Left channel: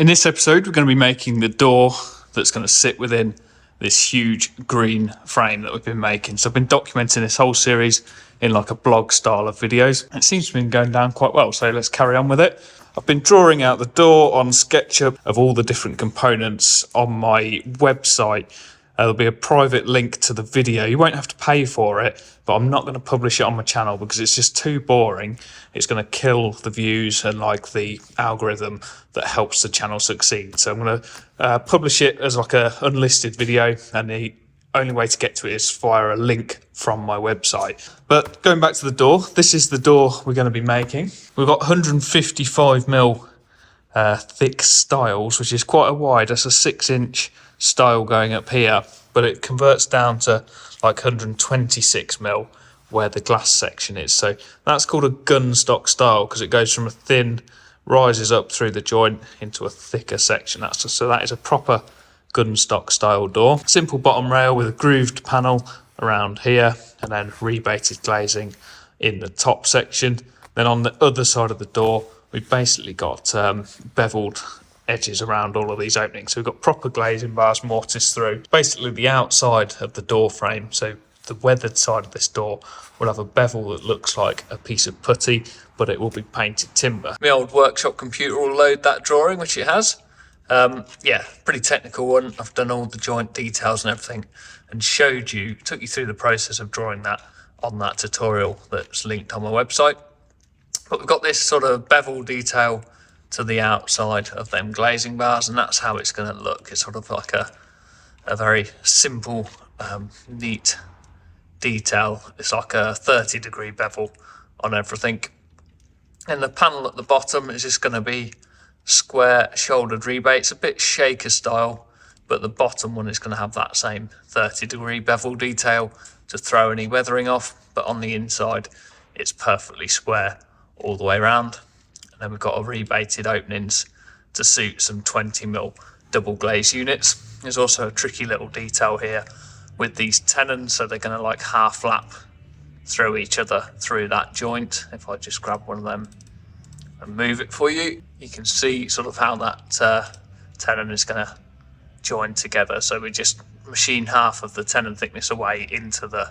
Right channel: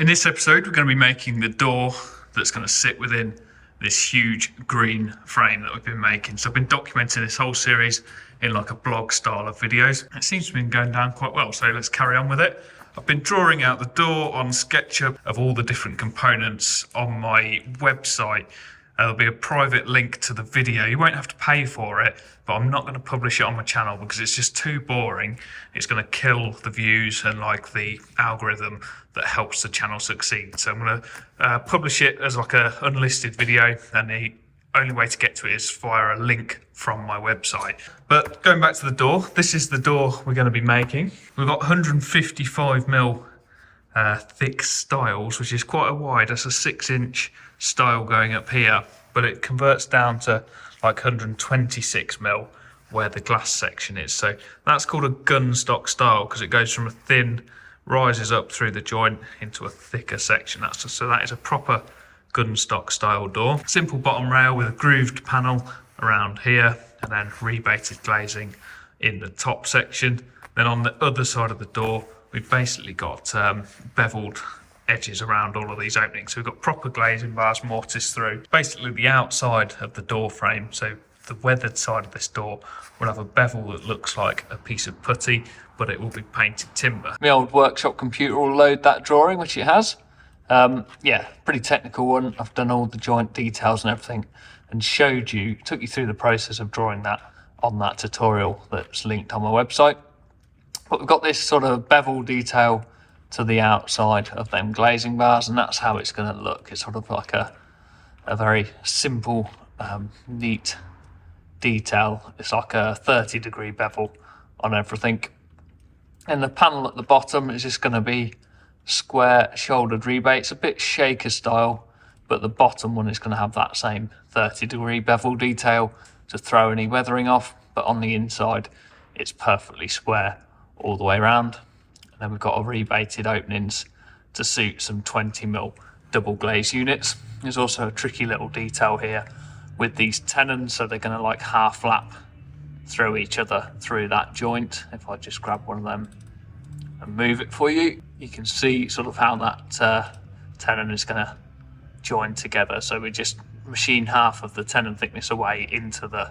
In this episode, we're going to be making the door that's going to sit within this huge green frame that we've been making. So I've been documenting this whole series in like a blog style of videos. It seems to have been going down quite well, so let's carry on with it. I've been drawing out the door on SketchUp of all the different components on my website. There'll be a private link to the video. You won't have to pay for it, but I'm not going to publish it on my channel because it's just too boring. It's going to kill the views and like the algorithm that helps the channel succeed. So I'm going to publish it as like a unlisted video, and the only way to get to it is via a link from my website. But going back to the door, this is the door we're going to be making. We've got 155mm thick stiles, which is quite a wide. That's a 6-inch style going up here, but it converts down to like 126mm where the glass section is. So that's called a gun stock style because it goes from a thin, rises up through the joint into a thicker section. So that is a proper gun stock style door. Simple bottom rail with a grooved panel around here, and then rebated glazing in the top section. Then on the other side of the door, we've basically got beveled edges around all of these openings. So we've got proper glazing bars mortised through. Basically the outside of the door frame, so the weathered side of this door, will have a bevel that looks like a piece of putty, but it will be painted timber. My old workshop computer will load that drawing, which it has. Yeah, pretty technical one. I've done all the joint details and everything and took you through the process of drawing that on that tutorial that's linked on my website. But we've got this sort of bevel detail to the outside of them glazing bars, and that's how it's going to look. It's sort of like a very simple, neat detail. It's like a 30-degree bevel on everything. And the panel at the bottom is just going to be square shouldered rebates, a bit shaker style, but the bottom one is going to have that same 30-degree bevel detail to throw any weathering off, but on the inside it's perfectly square all the way around. And then we've got rebated openings to suit some 20mm double glaze units. There's also a tricky little detail here with these tenons, so they're going to like half lap through each other through that joint. If I just grab one of them and move it for you, you can see sort of how that tenon is going to join together. So we just machine half of the tenon thickness away into the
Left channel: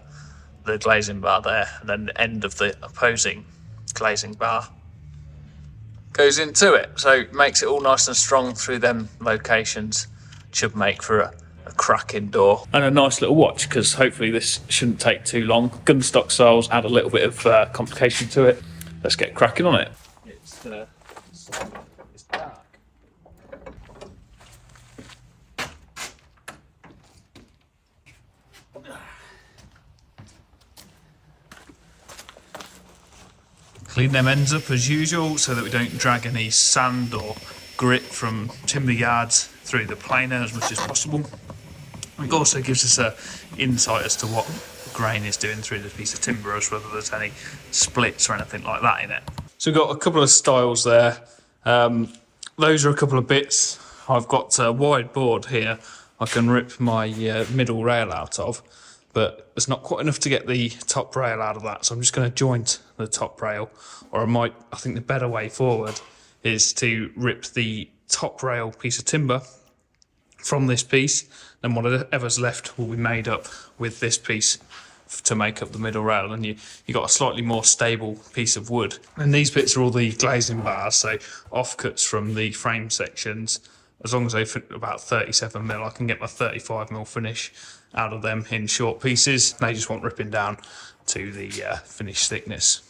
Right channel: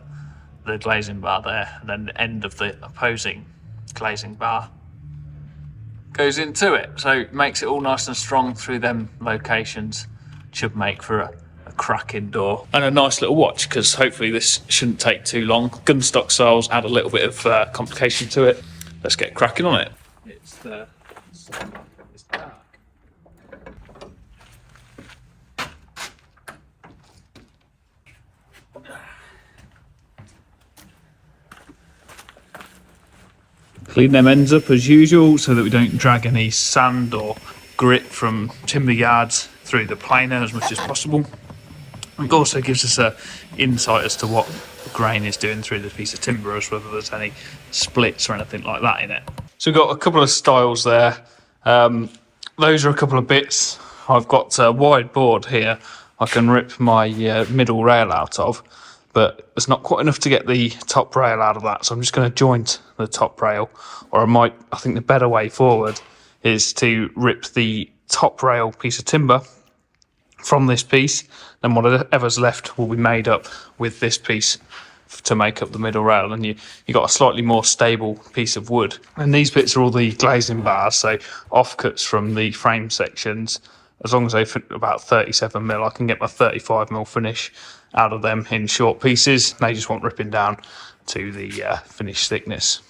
glazing bar there, and then the end of the opposing glazing bar goes into it. So it makes it all nice and strong through them locations. Should make for a cracking door. And a nice little watch, because hopefully this shouldn't take too long. Gun stock styles add a little bit of complication to it. Let's get cracking on it. It's dark. Clean them ends up as usual so that we don't drag any sand or grit from timber yards through the planer as much as possible. It also gives us an insight as to what the grain is doing through the piece of timber, as whether there's any splits or anything like that in it. So we've got a couple of styles there. Those are a couple of bits. I've got a wide board here I can rip my middle rail out of, but it's not quite enough to get the top rail out of that, so I'm just going to joint the top rail. Or I think the better way forward is to rip the top rail piece of timber from this piece, then whatever's left will be made up with this piece to make up the middle rail, and you got a slightly more stable piece of wood. And these bits are all the glazing bars, so offcuts from the frame sections. As long as they fit about 37mm, I can get my 35mm finish out of them in short pieces. They just want ripping down to the finished thickness.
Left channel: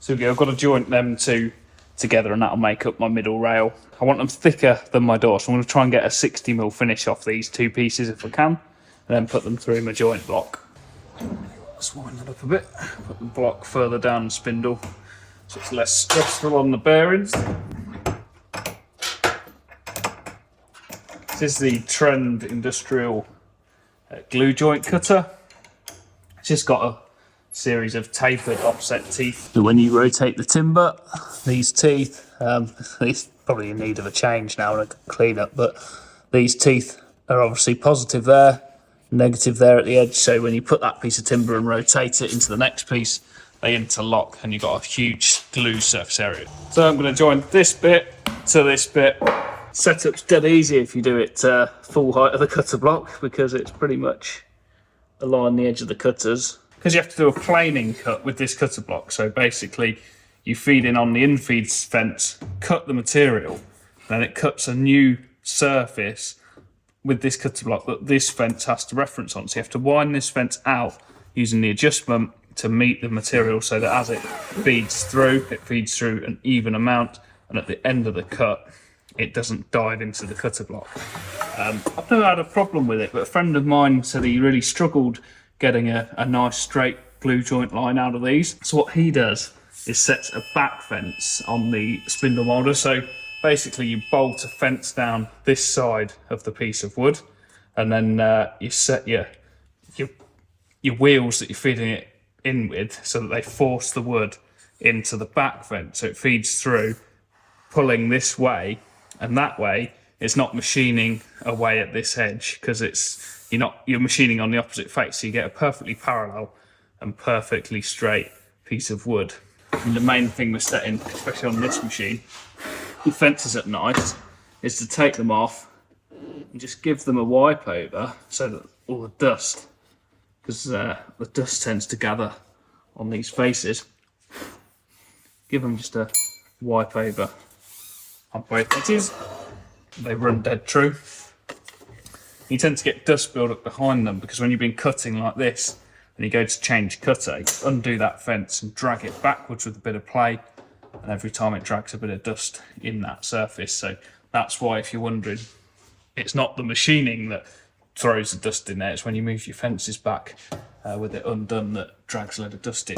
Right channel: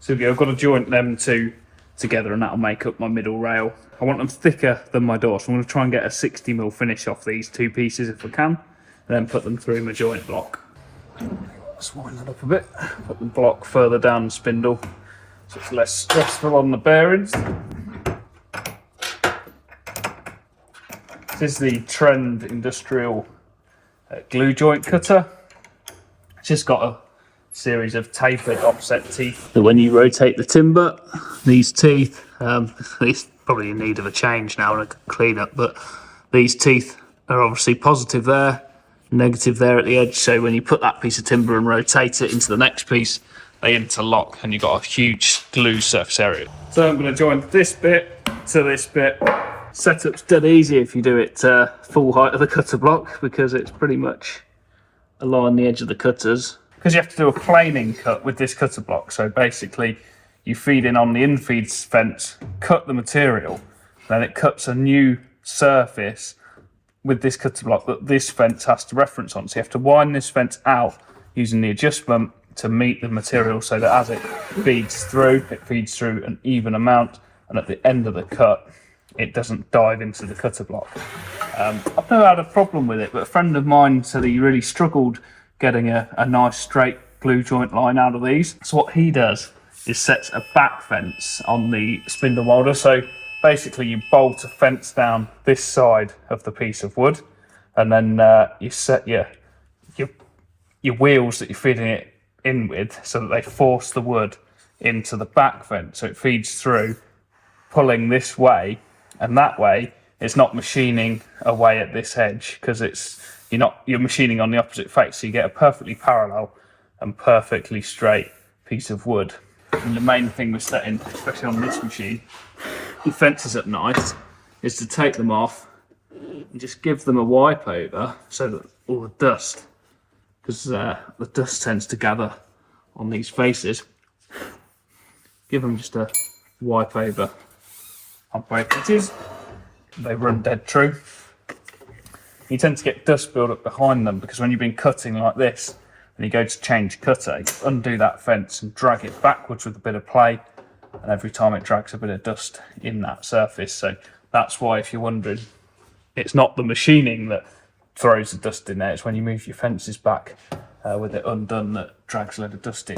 So I've got to joint them two together, and that'll make up my middle rail. I want them thicker than my door, so I'm going to try and get a 60mm finish off these two pieces if I can, and then put them through my joint block. Let's wind that up a bit, put the block further down the spindle so it's less stressful on the bearings. This is the Trend Industrial glue joint cutter. It's just got a series of tapered offset teeth. So when you rotate the timber, these teeth, these probably in need of a change now and a clean up, but these teeth are obviously positive there, negative there at the edge. So when you put that piece of timber and rotate it into the next piece, they interlock and you've got a huge glue surface area. So I'm going to join this bit to this bit. Setup's dead easy if you do it full height of the cutter block, because it's pretty much along the edge of the cutters. Because you have to do a planing cut with this cutter block. So basically you feed in on the infeed fence, cut the material, then it cuts a new surface with this cutter block that this fence has to reference on. So you have to wind this fence out using the adjustment to meet the material, so that as it feeds through an even amount, and at the end of the cut it doesn't dive into the cutter block. I've never had a problem with it, but a friend of mine said he really struggled getting a nice straight glue joint line out of these. So what he does is sets a back fence on the spindle moulder. So basically you bolt a fence down this side of the piece of wood, and then you set your wheels that you're feeding it in with so that they force the wood into the back fence, so it feeds through, pulling this way, and that way it's not machining away at this edge, because you're machining on the opposite face, so you get a perfectly parallel and perfectly straight piece of wood. And the main thing with setting, especially on this machine, the fences at night, is to take them off and just give them a wipe over, so that all the dust, because the dust tends to gather on these faces, give them just a wipe over on both edges. They run dead true. You tend to get dust build up behind them, because when you've been cutting like this and you go to change cutter, you undo that fence and drag it backwards with a bit of play, and every time it drags a bit of dust in that surface. So that's why, if you're wondering, it's not the machining that throws the dust in there, it's when you move your fences back with it undone that drags a load of dust in.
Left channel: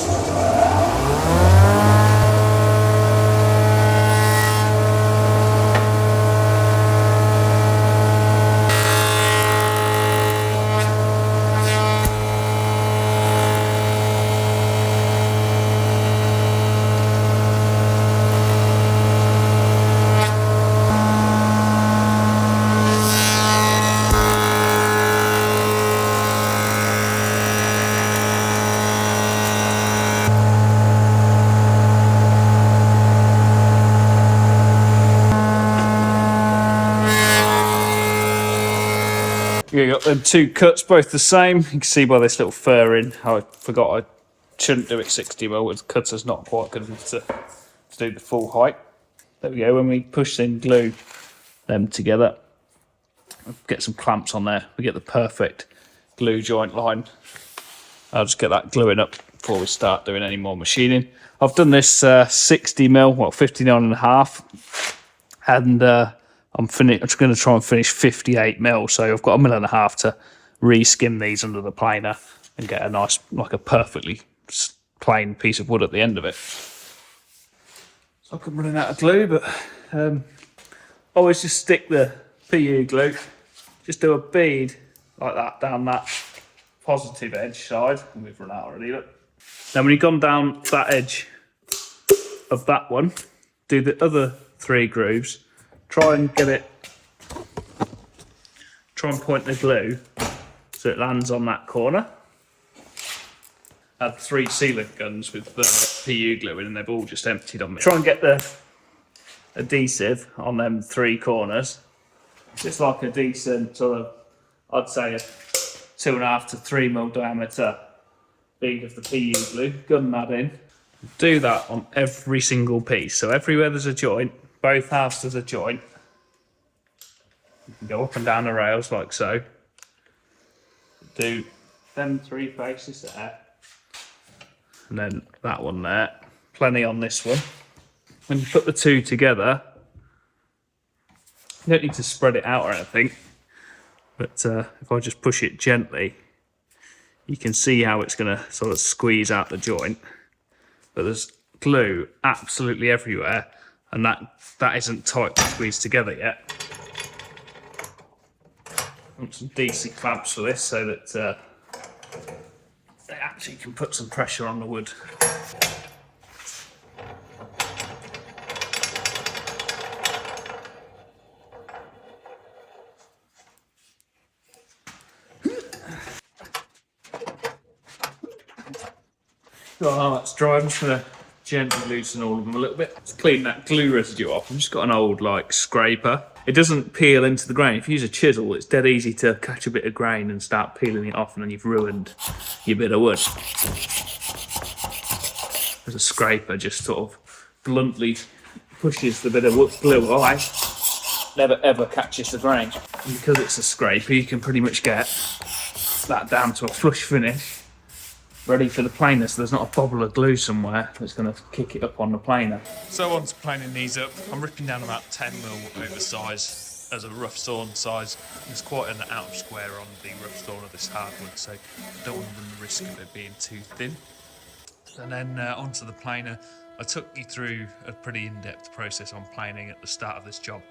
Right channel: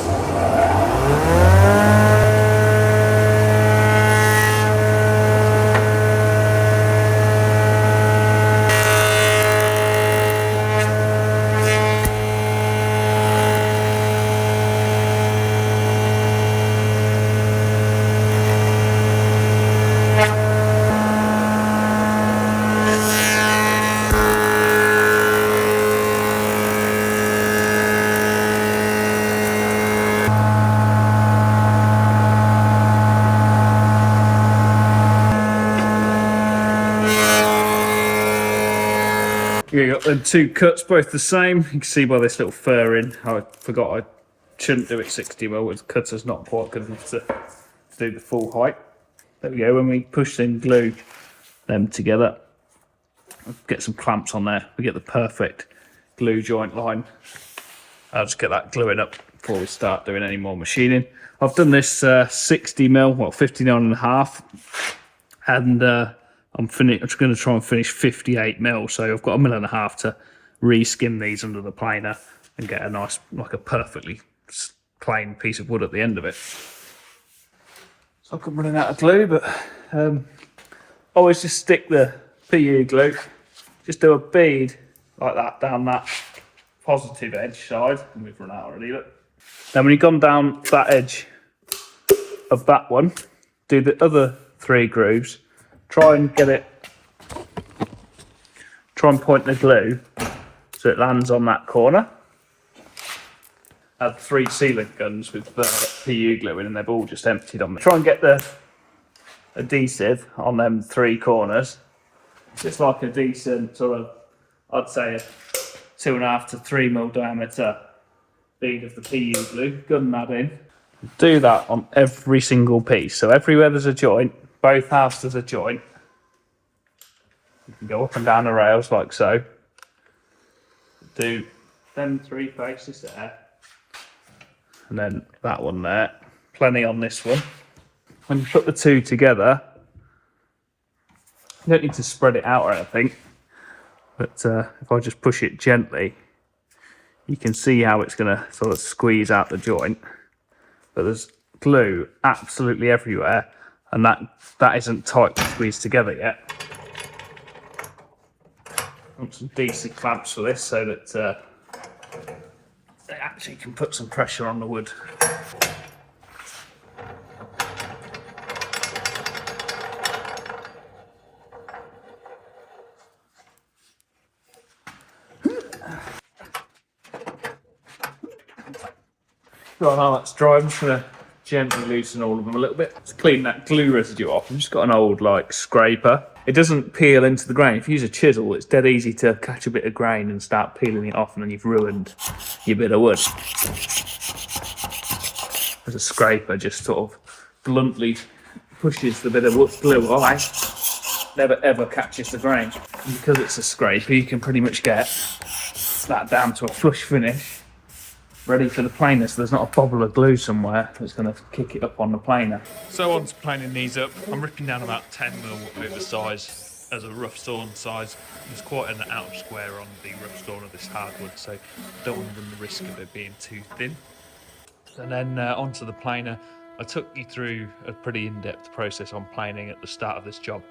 Yeah, you got them two cuts, both the same. You can see by this little fur in. I forgot I shouldn't do it 60mm. The cutter's not quite good enough to do the full height. There we go. When we push and glue them together, get some clamps on there, we get the perfect glue joint line. I'll just get that gluing up before we start doing any more machining. I've done this 60mm, well, 59.5, and I'm just going to try and finish 58mm, so I've got 1.5mm to re-skim these under the planer and get a nice, like a perfectly plain piece of wood at the end of it. So I'm running out of glue, but always just stick the PU glue, just do a bead like that down that positive edge side, and we've run out already, look. Then when you've gone down that edge of that one, do the other 3 grooves. Try and point the glue so it lands on that corner. I had 3 sealant guns with PU glue in, and they've all just emptied on me. Try and get the adhesive on them 3 corners. Just like a decent sort of, I'd say a 2.5 to 3mm diameter bead of the PU glue. Gun that in. Do that on every single piece. So everywhere there's a joint, both halves there's a joint. You can go up and down the rails like so. Do them 3 faces there. And then that one there. Plenty on this one. When you put the 2 together, you don't need to spread it out or anything. But if I just push it gently, you can see how it's going to sort of squeeze out the joint. But there's glue absolutely everywhere, and that isn't tightly squeezed together yet. I want some decent clamps for this so that they actually can put some pressure on the wood. Well, now that's dry, I'm just going to gently loosen all of them a little bit to clean that glue residue off. I've just got an old like scraper. It doesn't peel into the grain. If you use a chisel, it's dead easy to catch a bit of grain and start peeling it off, and then you've ruined your bit of wood. As a scraper just sort of bluntly pushes the bit of wood glue away, never ever catches the grain. And because it's a scraper, you can pretty much get that down to a flush finish, ready for the planer, so there's not a bobble of glue somewhere that's going to kick it up on the planer. So on to planing these up, I'm ripping down about 10mm oversize as a rough sawn size. There's quite an outer square on the rough sawn of this hardwood, so don't want to run the risk of it being too thin. And then onto the planer. I took you through a pretty in-depth process on planing at the start of this job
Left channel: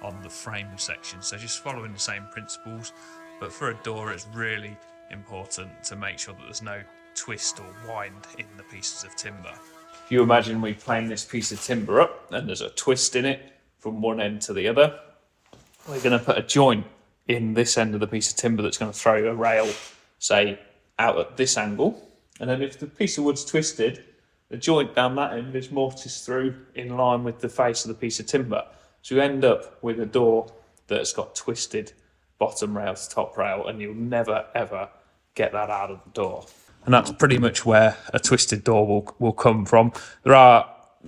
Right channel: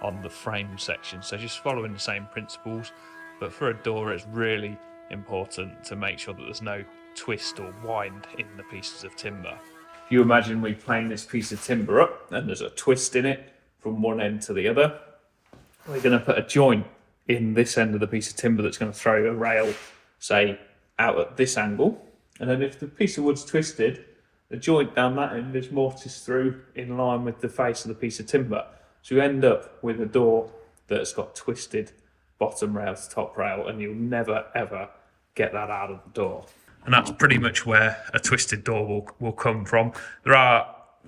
on the frame section, so just following the same principles, but for a door it's really important to make sure that there's no twist or wind in the pieces of timber. If you imagine we plane this piece of timber up and there's a twist in it from one end to the other, we're going to put a joint in this end of the piece of timber that's going to throw a rail, say, out at this angle, and then if the piece of wood's twisted, the joint down that end is mortised through in line with the face of the piece of timber. So you end up with a door that's got twisted bottom rail to top rail, and you'll never ever get that out of the door. And that's pretty much where a twisted door will come from.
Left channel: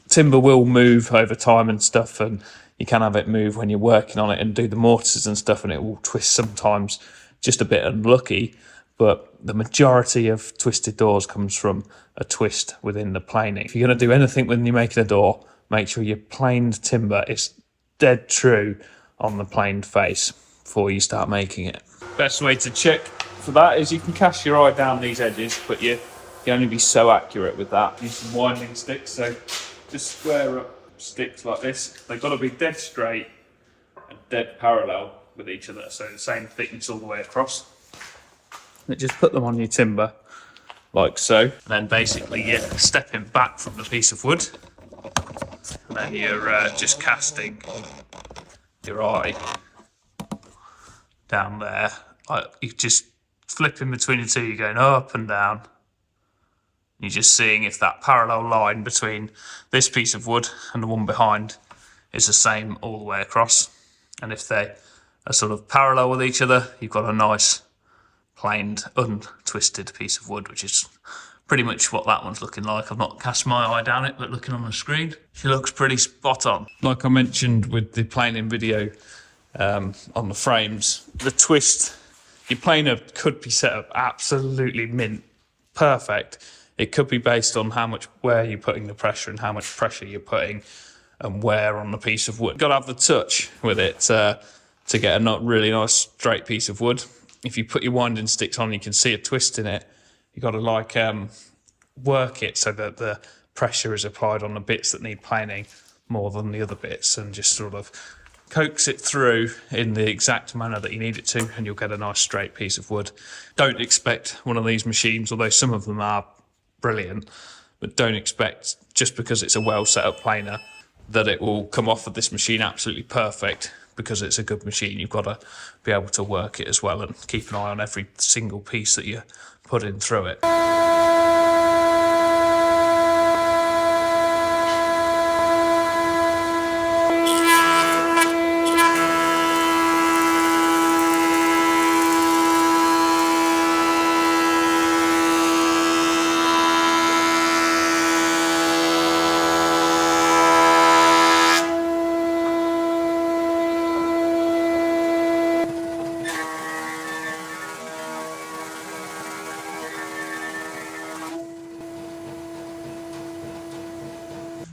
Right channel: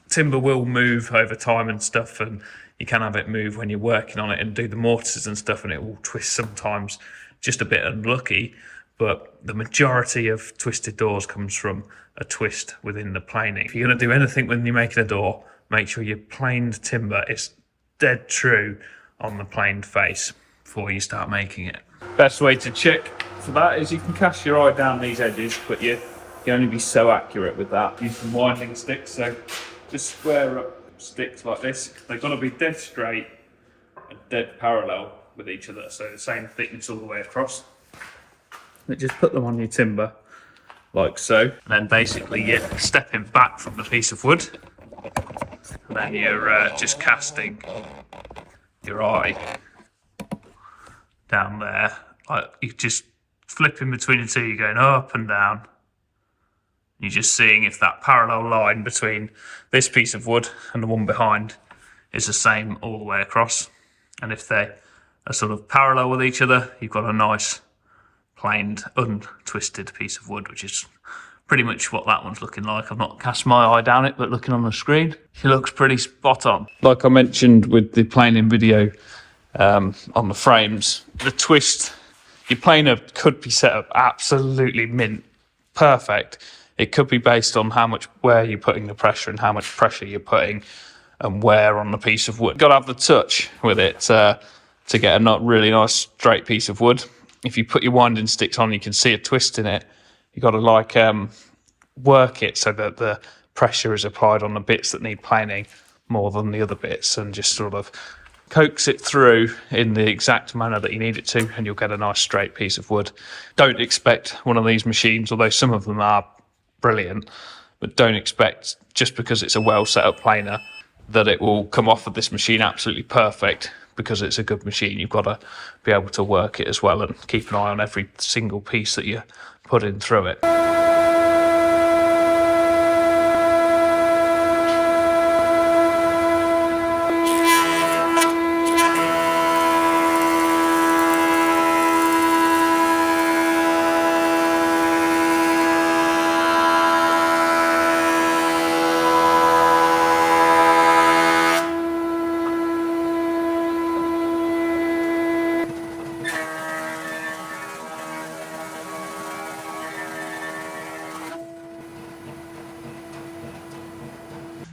Timber will move over time and stuff, and you can have it move when you're working on it and do the mortars and stuff, and it will twist sometimes, just a bit unlucky. But the majority of twisted doors comes from a twist within the planing. If you're going to do anything when you're making a door, make sure your planed timber is dead true on the planed face before you start making it. Best way to check for that is you can cast your eye down these edges, but you can only be so accurate with that. Use some winding sticks, so just square up sticks like this. They've got to be dead straight and dead parallel with each other, so the same thickness all the way across. And just put them on your timber, like so. And then basically you're stepping back from the piece of wood, and then you're just casting your eye down there. Like you just flipping between the two, you're going up and down. You're just seeing if that parallel line between this piece of wood and the one behind is the same all the way across. And if they are sort of parallel with each other, you've got a nice planed, untwisted piece of wood, which is pretty much what that one's looking like. I've not cast my eye down it, but looking on the screen, it looks pretty spot on. Like I mentioned with the planing video on the frames, the twist, your planer could be set up absolutely mint, perfect. It could be based on where you're putting the pressure and how much pressure you're putting and where on the piece of wood. You've got to have the touch with it to get a really nice straight piece of wood. If you put your winding sticks on, you can see a twist in it. You've got to work it so that the pressure is applied on the bits that need planing more than the other bits, and just sort of coax it through in the exact manner that you need it to, and you'll get a nice straight piece of wood. Don't expect one of these machines, although some of them are brilliant, but don't expect, just because it's a well set up planer, that it will come off of this machine absolutely perfect because it's a good machine. You've got to be able to work it as well and keep an eye on every single piece that you put in through it.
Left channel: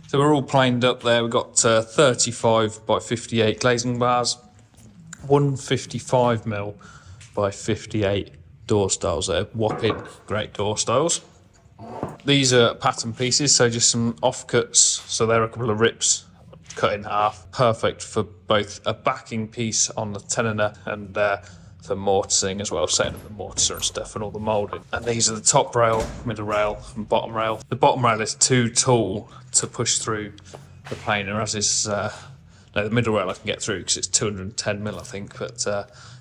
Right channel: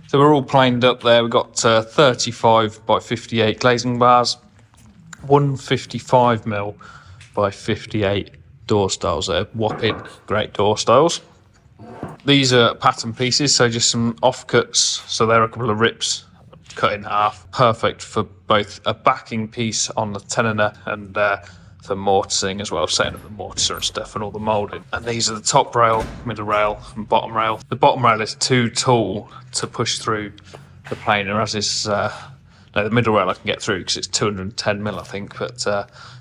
So we're all planed up there. We've got 35 by 58 glazing bars, 155mm by 58 door styles. They're whopping great door styles. These are pattern pieces, so just some offcuts. So they're a couple of rips cut in half. Perfect for both a backing piece on the Tenoner and for mortising as well, setting up the mortiser and stuff and all the moulding. And these are the top rail, middle rail and bottom rail. The bottom rail is too tall to push through the planer, as is no, the middle rail I can get through because it's 210 mil I think, but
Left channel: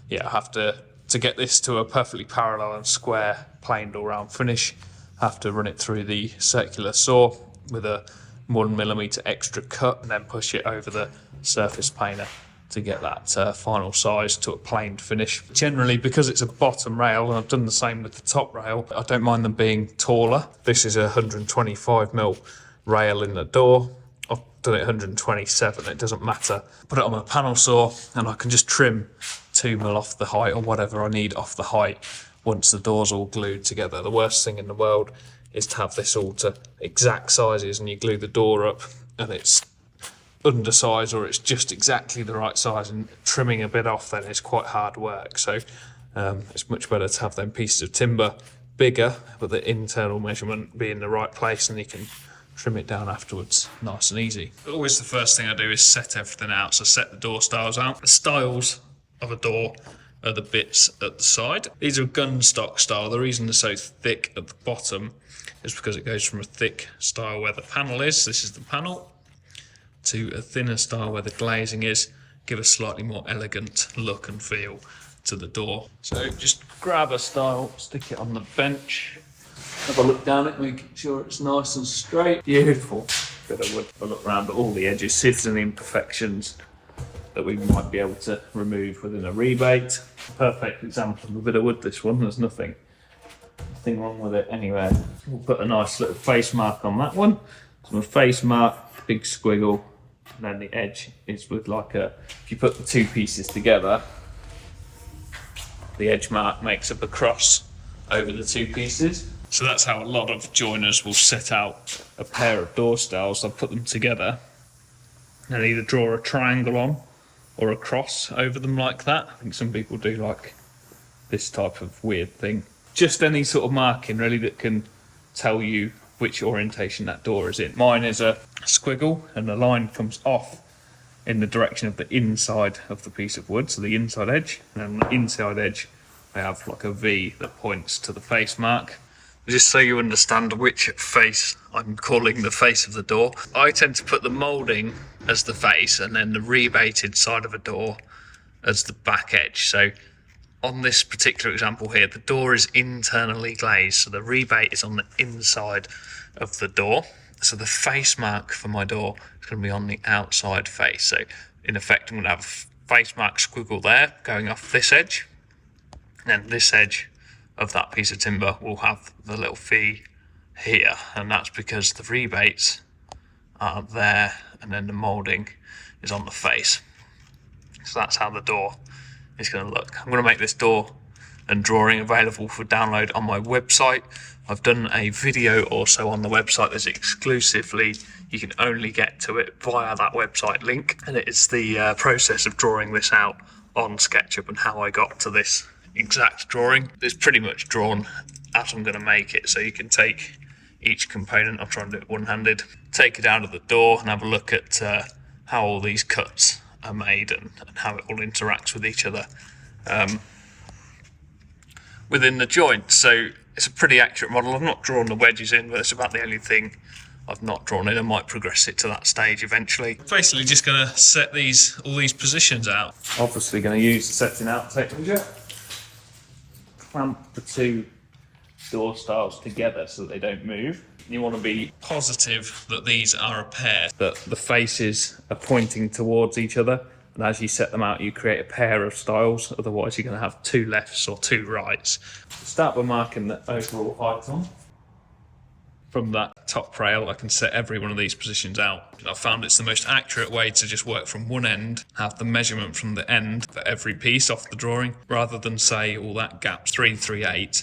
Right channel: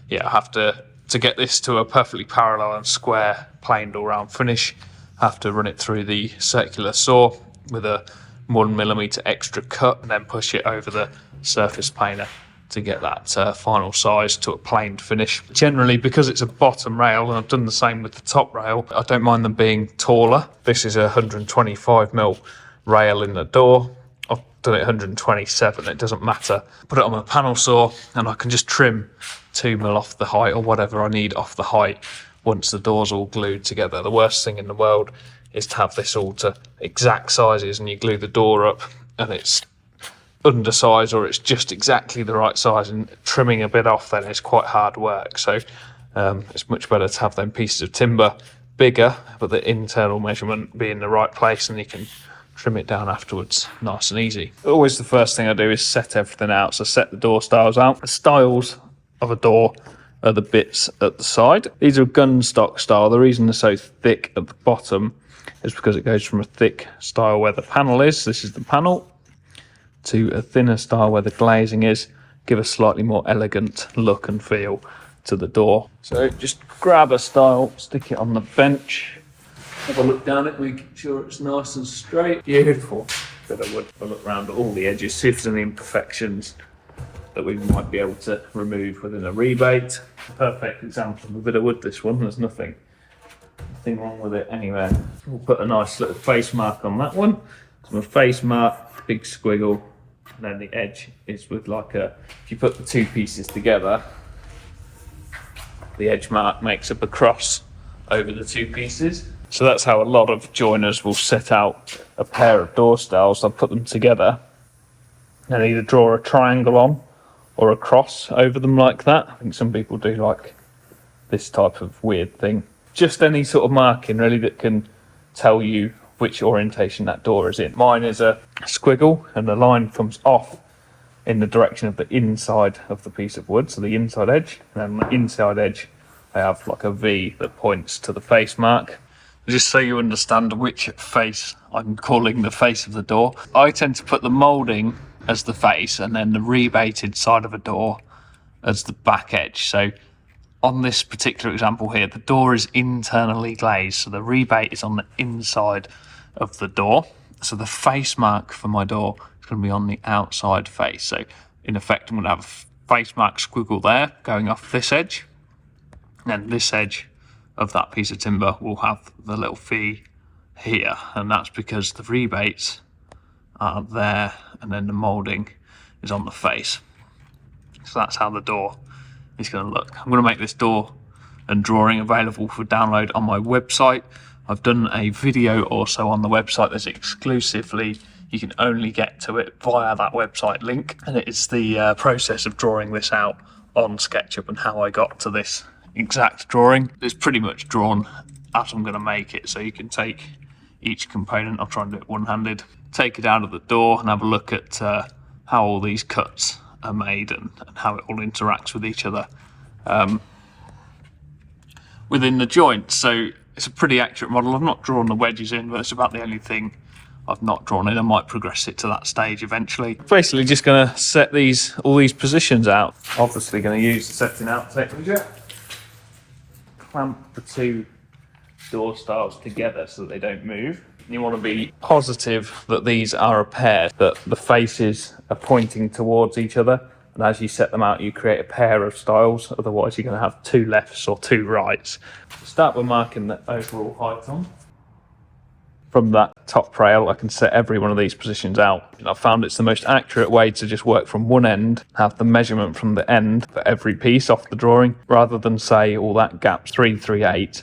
yeah, I have to get this to a perfectly parallel and square planed all round finish, I have to run it through the circular saw with a 1mm extra cut and then push it over the surface planer to get that final size to a planed finish. Generally, because it's a bottom rail, and I've done the same with the top rail, I don't mind them being taller. This is a 125mm rail in the door. I've done it 127, it doesn't matter. Put it on my panel saw and I can just trim 2mm off the height or whatever I need off the height once the door's all glued together. The worst thing in the world is to have this all to exact sizes and you glue the door up and it's undersized or it's just exactly the right size, and trimming a bit off then is quite hard work. So it's much better to have them pieces of timber bigger but the internal measurement be in the right place and you can trim it down afterwards nice and easy. Always the first thing I do is set everything out. So set the door styles out. The styles of a door are the bits at the side. These are gun stock style. The reason they're so thick at the bottom is because it goes from a thick style where the panel is, this is the panel, to a thinner style where the glazing is, give a slightly more elegant look and feel to the door. So just grab a style, stick it on the bench, have a look down it, make sure it's nice and straight. Beautiful bit of wood. I'll look around at all the edges, see if there's any imperfections that we might be able to remove within a rebate. Perfect example of a bit of wood, this one. There's nothing wrong with it anywhere. We'll put a nice little face mark on that one. So a face mark, big squiggle, and then the edge is with like a, if you put the two pieces together, the edge mark makes up a cross over the two pieces. So that's how a lot of joiners will set out a pair of door styles. They'll put them together and either draw a triangle on or a cross over them like that. I think some people do like this type of weird thing. Just any sort of marking really that can tell you which orientation that door is in. Mine is a squiggle and the line comes off in the direction of the inside of the piece of wood, so the inside edge, and then on the inside edge I have like a V that points to the face mark. Just so you understand which face I'm calling the face of the door, I tend to put the moulding as the face and then the rebated side of a door as the back edge. So on this particular example here, the door is internally glazed, so the rebate is on the inside of the door. So the face mark for my door is going to be on the outside face. So in effect, I'm going to have a face mark squiggle there going off this edge, and then this edge of that piece of timber will have the little V here, and that's because the rebates are there and then the moulding is on the face. So that's how the door is going to look. I'm going to make this door and drawing available for download on my website. I've done a video also on the website that's exclusively, you can only get to it via that website link, and it is the process of drawing this out on SketchUp and how I got to this exact drawing. It's pretty much drawn as I'm going to make it, so you can take each component, I'll try and do it one-handed, take it out of the door and have a look at how all these cuts are made and how it all interacts with each other within the joint. So it's a pretty accurate model. I've not drawn the wedges in, but it's about the only thing I've not drawn in. I might progress it to that stage eventually. Basically just going to set all these positions out. Obviously going to use the setting out technique. Clamp the two door styles together so that they don't move. You want to be positive that these are a pair, that the faces are pointing towards each other, and as you set them out you create a pair of styles, otherwise you're going to have two lefts or two rights. Start with marking the overall height on. From that top rail I can set every one of these positions out. I found it's the most accurate way to just work from one end, have the measurement from the end for every piece off the drawing, rather than say, all that gap's 338.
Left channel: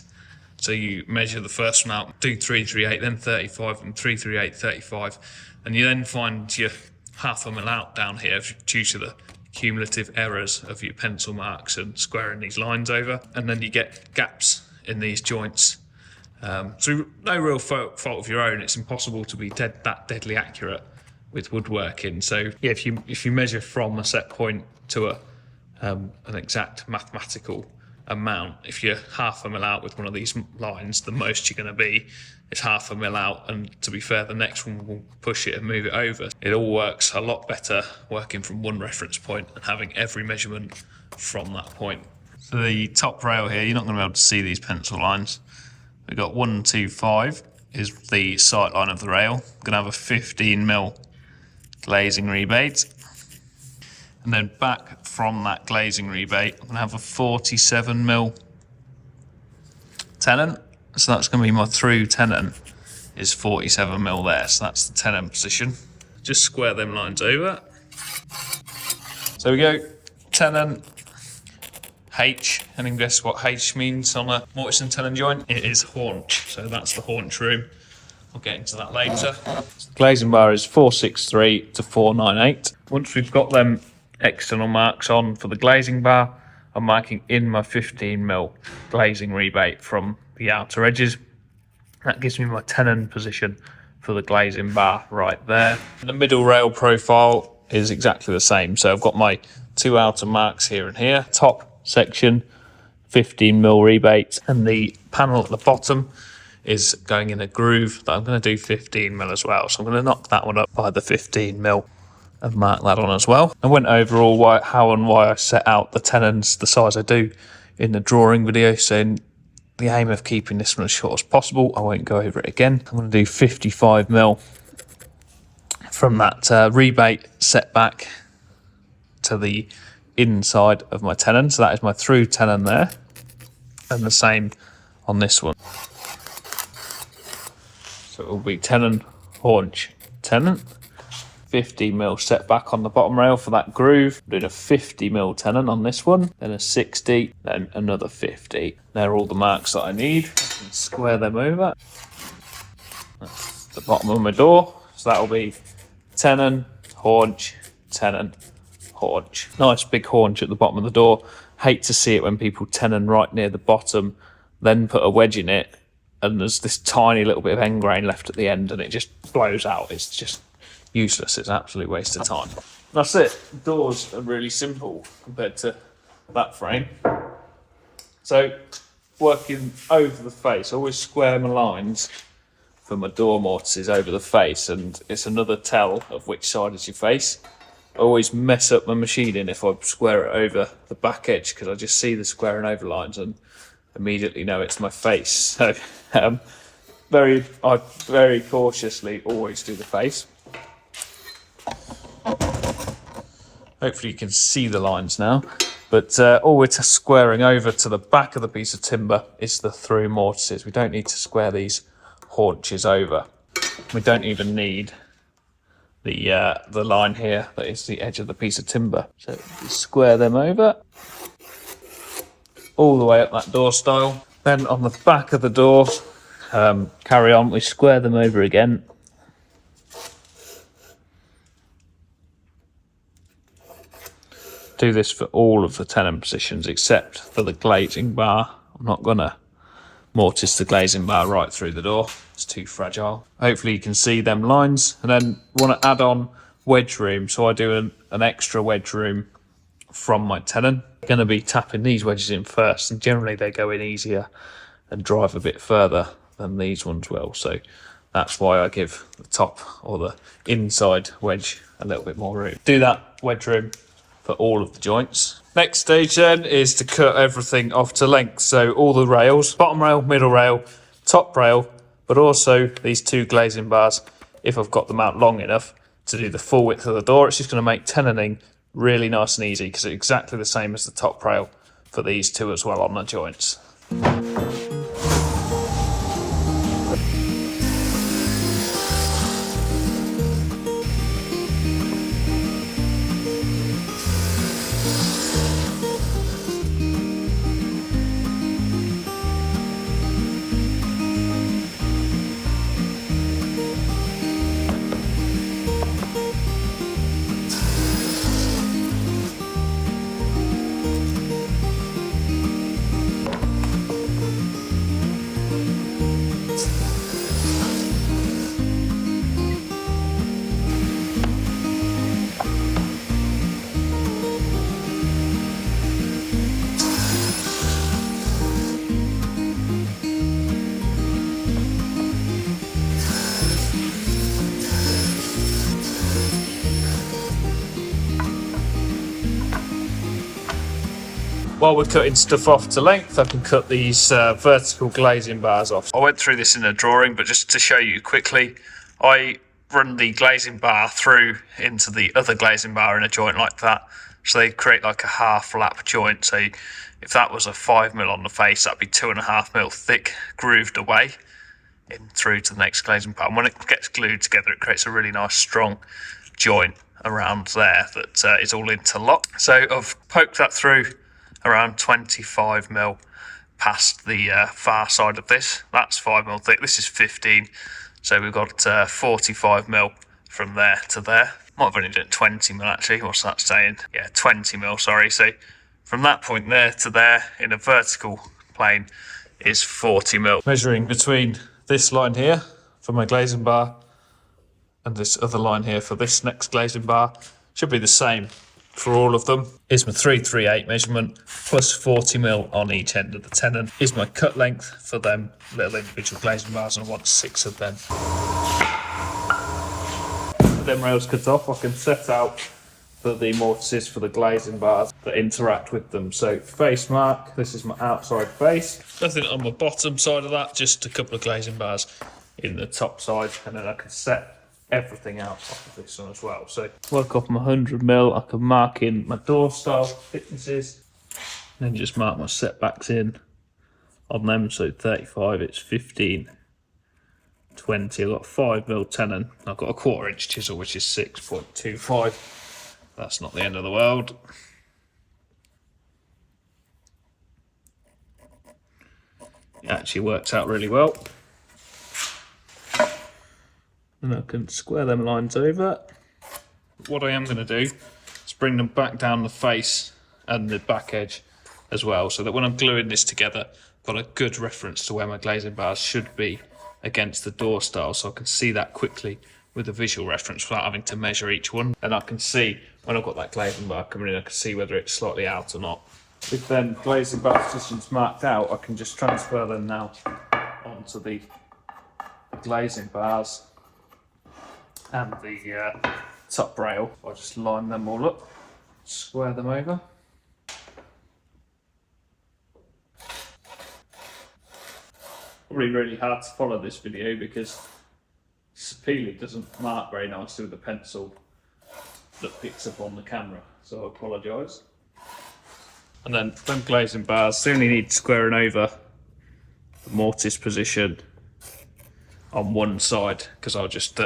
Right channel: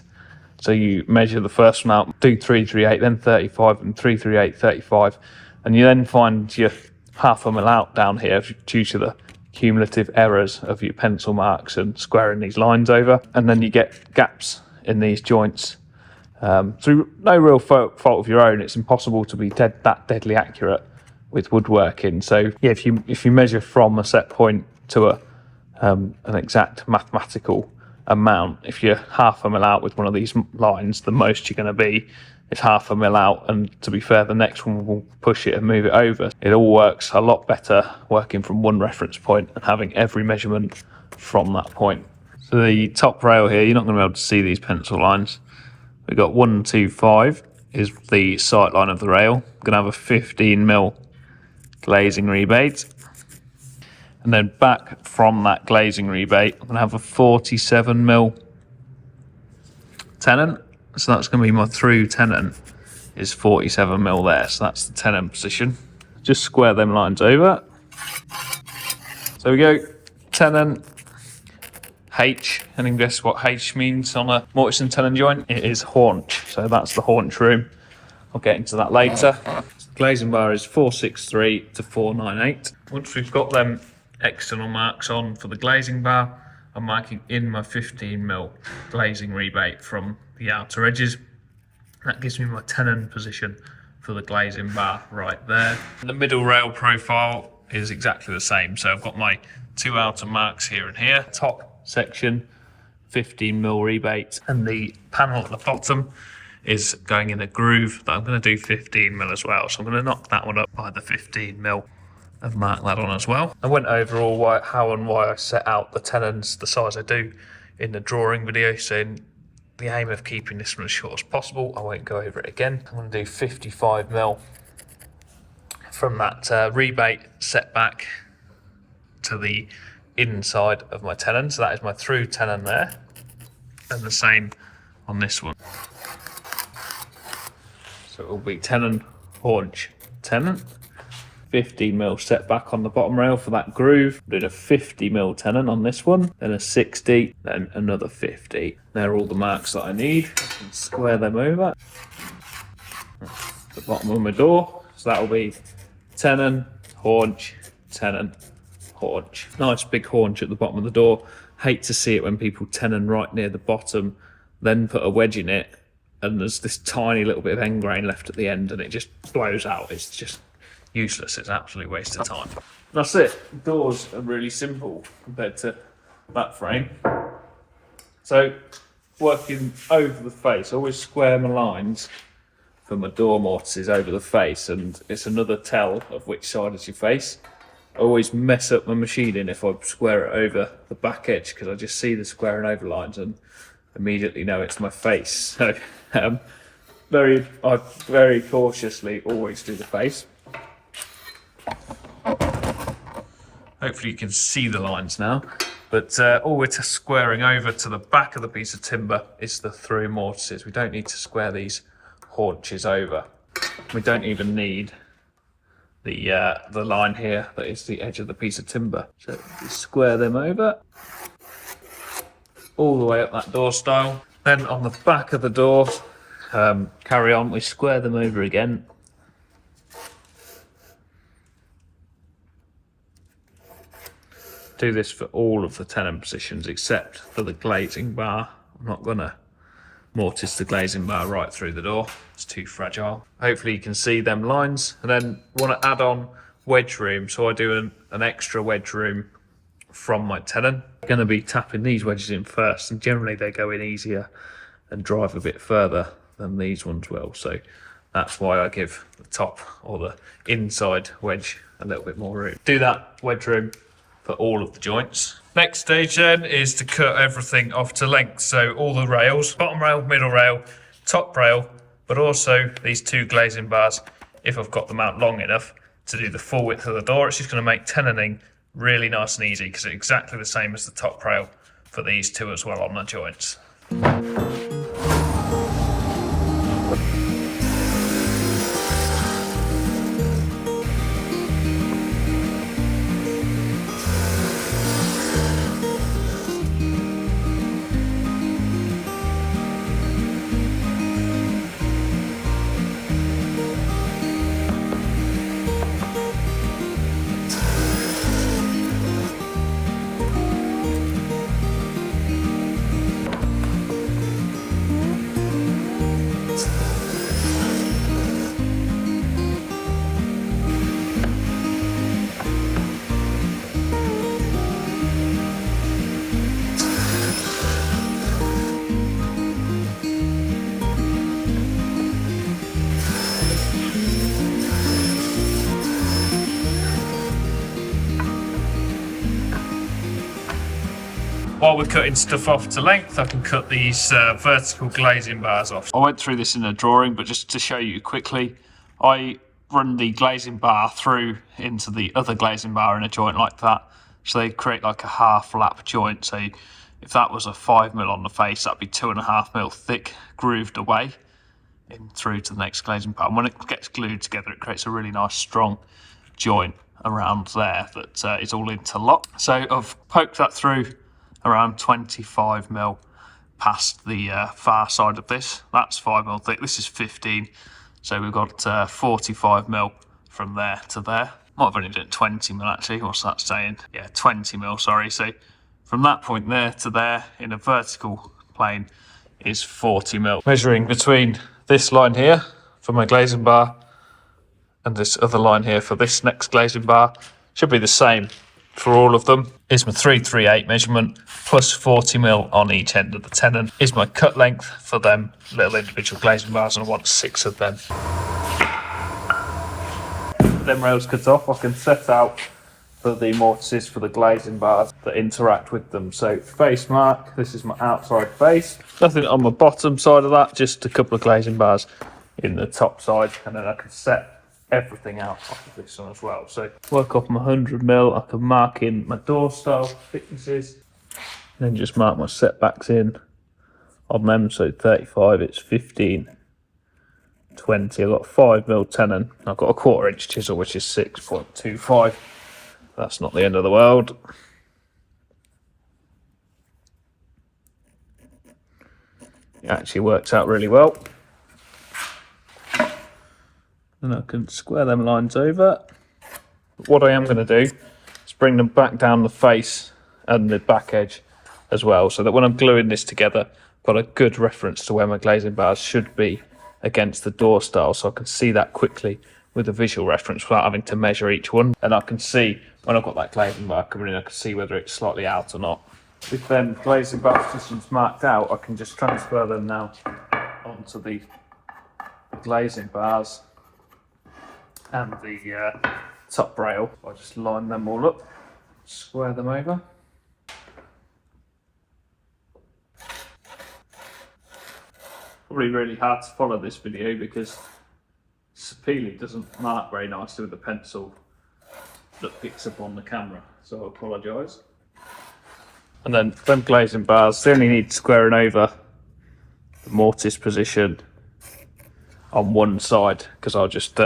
So you measure the first one out, do 338, then 35, and 338, 35, and you then find you're half a mil out down here due to the cumulative errors of your pencil marks and squaring these lines over, and then you get gaps in these joints Through no real fault of your own, it's impossible to be that deadly accurate with woodworking. So yeah, if you measure from a set point to an exact mathematical amount, if you're half a mil out with one of these lines, the most you're going to be is half a mil out, and to be fair, the next one will push it and move it over. It all works a lot better working from one reference point and having every measurement from that point. For the top rail here, you're not going to be able to see these pencil lines. We've got 1, 2, 5 is the sight line of the rail. I'm going to have a 15mm glazing rebate. And then back from that glazing rebate, I'm going to have a 47mm tenon. So that's going to be my through tenon is 47mm there. So that's the tenon position. Just square them lines over. So we go tenon, H, and then guess what H means on a mortise and tenon joint? It is haunch. So that's the haunch room. I'll get into that later. Glazing bar is 463 to 498. Once we've got them external marks on for the glazing bar, I'm marking in my 15mm glazing rebate from the outer edges. That gives me my tenon position for the glazing bar right there. The middle rail profile is exactly the same. So I've got my 2 outer marks here and here. Top section, 15mm rebate, and the panel at the bottom is going in a groove that I'm going to do 15mm as well. So I'm going to knock that one up by the 15mm and mark that on as well. I went over all how and why I set out the tenons the size I do in the drawing video, saying the aim of keeping this one as short as possible. I won't go over it again. I'm going to do 55mm from that rebate set back to the inside of my tenon. So that is my through tenon there, and the same on this one. So it will be tenon, haunch, tenon. 50mm set back on the bottom rail for that groove. I'm doing a 50mm tenon on this one, then a 60, then another 50. They're all the marks that I need. I can square them over. That's the bottom of my door. So that will be tenon, haunch, tenon, haunch. Nice big haunch at the bottom of the door. Hate to see it when people tenon right near the bottom, then put a wedge in it, and there's this tiny little bit of end grain left at the end, and it just blows out. It's just useless. It's an absolute waste of time. That's it. Doors are really simple compared to that frame. So working over the face, I always square my lines for my door mortises over the face, and it's another tell of which side is your face. I always mess up my machining if I square it over the back edge, because I just see the squaring over lines and immediately know it's my face. So I very cautiously always do the face. Hopefully you can see the lines now, but all we're squaring over to the back of the piece of timber is the through mortises. We don't need to square these haunches over. We don't even need the line here that is the edge of the piece of timber. So just square them over all the way up that door style. Then on the back of the door, carry on, we square them over again. Do this for all of the tenon positions except for the glazing bar. I'm not gonna mortise the glazing bar right through the door. It's too fragile. Hopefully you can see them lines. And then want to add on wedge room. So I do an extra wedge room from my tenon. I'm going to be tapping these wedges in first, and generally they go in easier and drive a bit further than these ones will. So that's why I give the top or the inside wedge a little bit more room. Do that wedge room for all of the joints. Next stage then is to cut everything off to length. So all the rails, bottom rail, middle rail, top rail, but also these 2 glazing bars, if I've got them out long enough to do the full width of the door. It's just going to make tenoning really nice and easy, because it's exactly the same as the top rail for these 2 as well on the joints. While we're cutting stuff off to length, I can cut these vertical glazing bars off. I went through this in a drawing, but just to show you quickly, I run the glazing bar through into the other glazing bar in a joint like that. So they create like a half lap joint. So if that was a 5mm on the face, that'd be 2.5mm thick, grooved away in through to the next glazing bar. And when it gets glued together, it creates a really nice strong joint around there that is all interlocked. So I've poked that through around 25mm past the far side of this. That's 5mm thick, this is 15. So we've got 45mm from there to there. Might have only done 20mm actually, what's that saying? Yeah, 20mm, sorry. So from that point there to there in a vertical plane is 40mm. Measuring between this line here for my glazing bar and this other line here for this next glazing bar, should be the same for all of them. Is my 338 measurement plus 40mm on each end of the tenon. Is my cut length for them little individual glazing bars, and I want 6 of them. With them rails cut off, I can set out for the mortises for the glazing bars that interact with them. So face mark, this is my outside face. Nothing on my bottom side of that, just a couple of glazing bars in the top side, and then I can set everything out off of this one as well. So work off my 100mm, I can mark in my door style thicknesses, and then just mark my setbacks in on them. So 35, it's 15, 20. I've got 5mm tenon. I've got a 1/4 inch chisel, which is 6.25. That's not the end of the world. It actually works out really well. And I can square them lines over. What I am going to do is bring them back down the face and the back edge as well, so that when I'm gluing this together, I've got a good reference to where my glazing bars should be against the door style, so I can see that quickly with a visual reference without having to measure each one. And I can see when I've got that glazing bar coming in, I can see whether it's slightly out or not. With them glazing bar positions marked out, I can just transfer them now onto the glazing bars and the top rail. I'll just line them all up, square them over. Probably really hard to follow this video because Sapili doesn't mark very nicely with a pencil that picks up on the camera, so I apologise. And then them glazing bars, they only need squaring over the mortise position on one side, because I'll just